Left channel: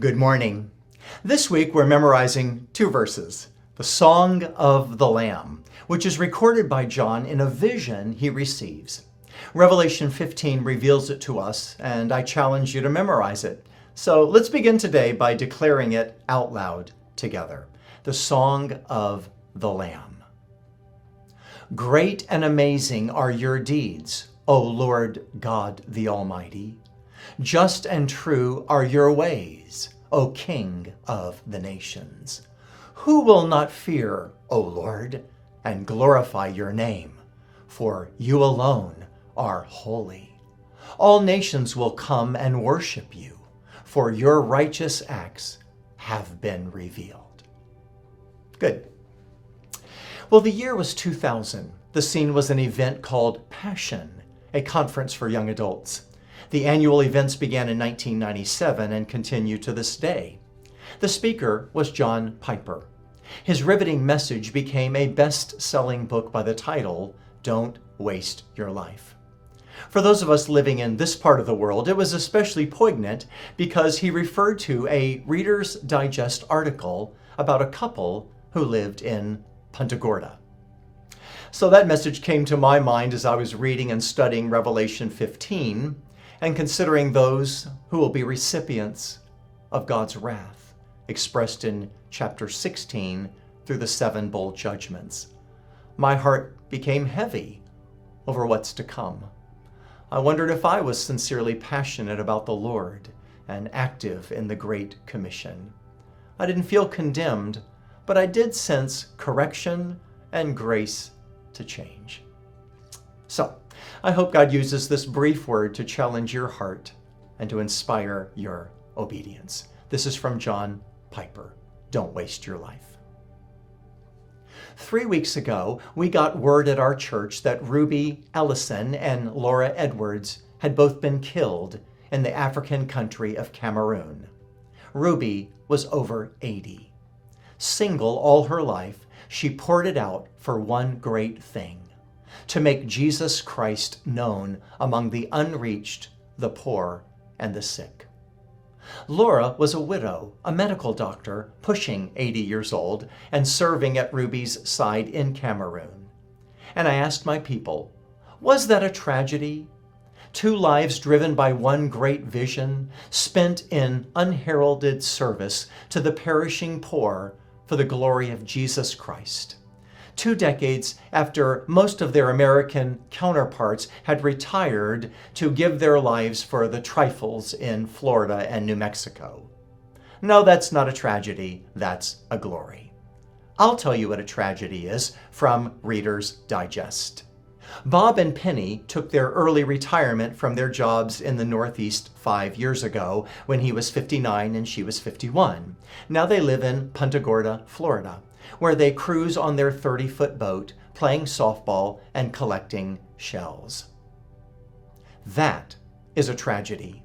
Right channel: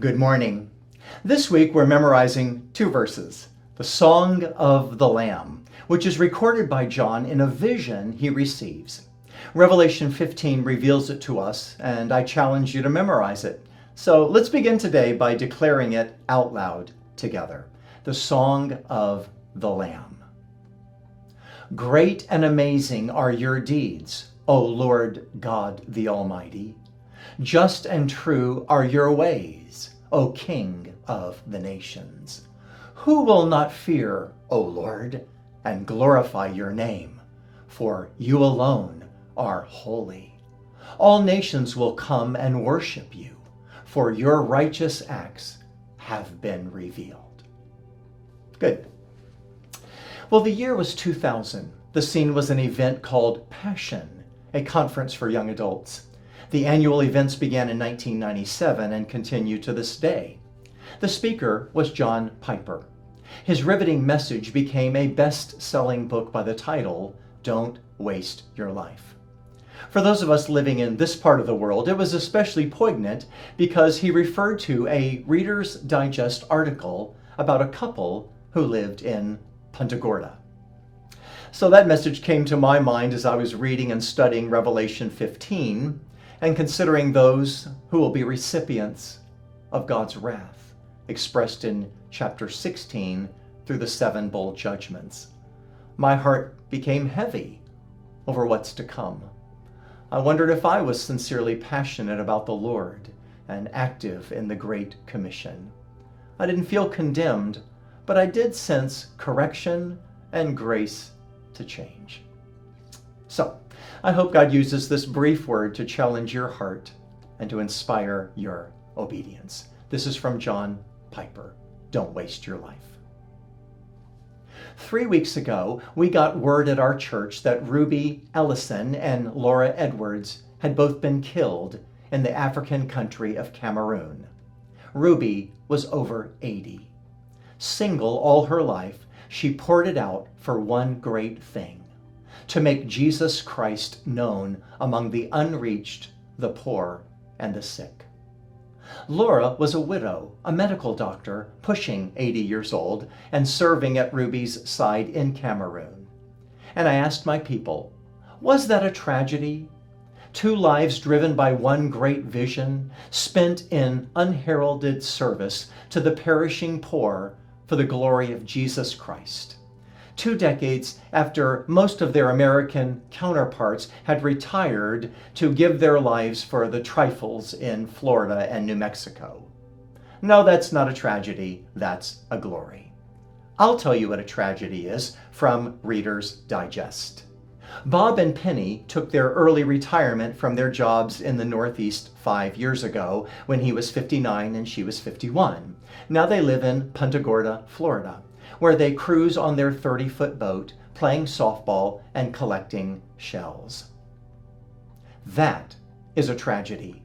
Good morning. This week we're memorizing two verses, the Song of the Lamb, which is recorded by John in a vision he receives. Revelation 15 reveals it to us, and I challenge you to memorize it. So let's begin today by declaring it out loud together. The Song of the Lamb. Great and amazing are your deeds, O Lord God the Almighty. Just and true are your ways, O King of the nations. Who will not fear, O Lord, and glorify your name? For you alone are holy. All nations will come and worship you, for your righteous acts have been revealed. Good. Well, the year was 2000. The scene was an event called Passion, a conference for young adults. The annual events began in 1997 and continue to this day. The speaker was John Piper. His riveting message became a best-selling book by the title, Don't Waste Your Life. For those of us living in this part of the world, it was especially poignant because he referred to a Reader's Digest article about a couple who lived in Punta Gorda. So that message came to my mind as I was reading and studying Revelation 15 and considering those who will be recipients of God's wrath, expressed in chapter 16 through the 7 bowl judgments. My heart became heavy over what's to come. I wondered if I was sincerely passionate about the Lord and active in the Great Commission. I didn't feel condemned, but I did sense correction and grace to change. So, I hope God uses this brief word to challenge your heart and to inspire your obedience. This is from John Piper. Don't waste your life. 3 weeks ago, we got word at our church that Ruby Ellison and Laura Edwards had both been killed in the African country of Cameroon. Ruby was over 80. Single all her life, she poured it out for one great thing: to make Jesus Christ known among the unreached, the poor, and the sick. Laura was a widow, a medical doctor, pushing 80 years old, and serving at Ruby's side in Cameroon. And I asked my people, was that a tragedy? 2 lives driven by one great vision, spent in unheralded service to the perishing poor for the glory of Jesus Christ. 2 decades after most of their American counterparts had retired to give their lives for the trifles in Florida and New Mexico. No, that's not a tragedy, that's a glory. I'll tell you what a tragedy is from Reader's Digest. Bob and Penny took their early retirement from their jobs in the Northeast 5 years ago when he was 59 and she was 51. Now they live in Punta Gorda, Florida, where they cruise on their 30-foot boat, playing softball and collecting shells. That is a tragedy.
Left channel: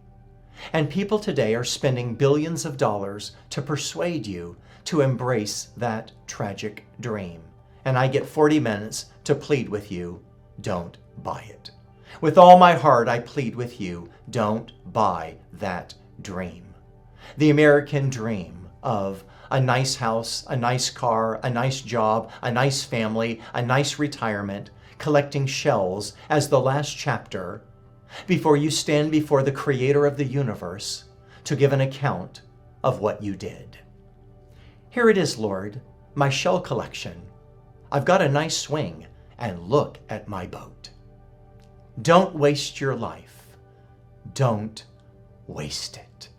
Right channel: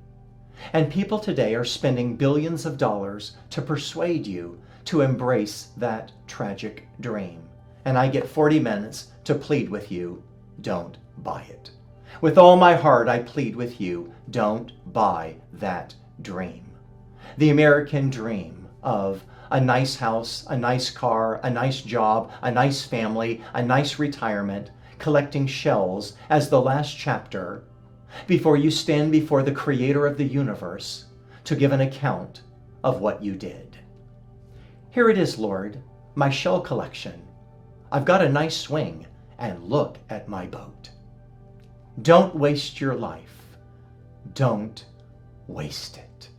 And people today are spending billions of dollars to persuade you to embrace that tragic dream. And I get 40 minutes to plead with you, don't buy it. With all my heart, I plead with you, don't buy that dream. The American dream of a nice house, a nice car, a nice job, a nice family, a nice retirement, collecting shells as the last chapter before you stand before the Creator of the universe to give an account of what you did. Here it is, Lord, my shell collection. I've got a nice swing, and look at my boat. Don't waste your life. Don't waste it.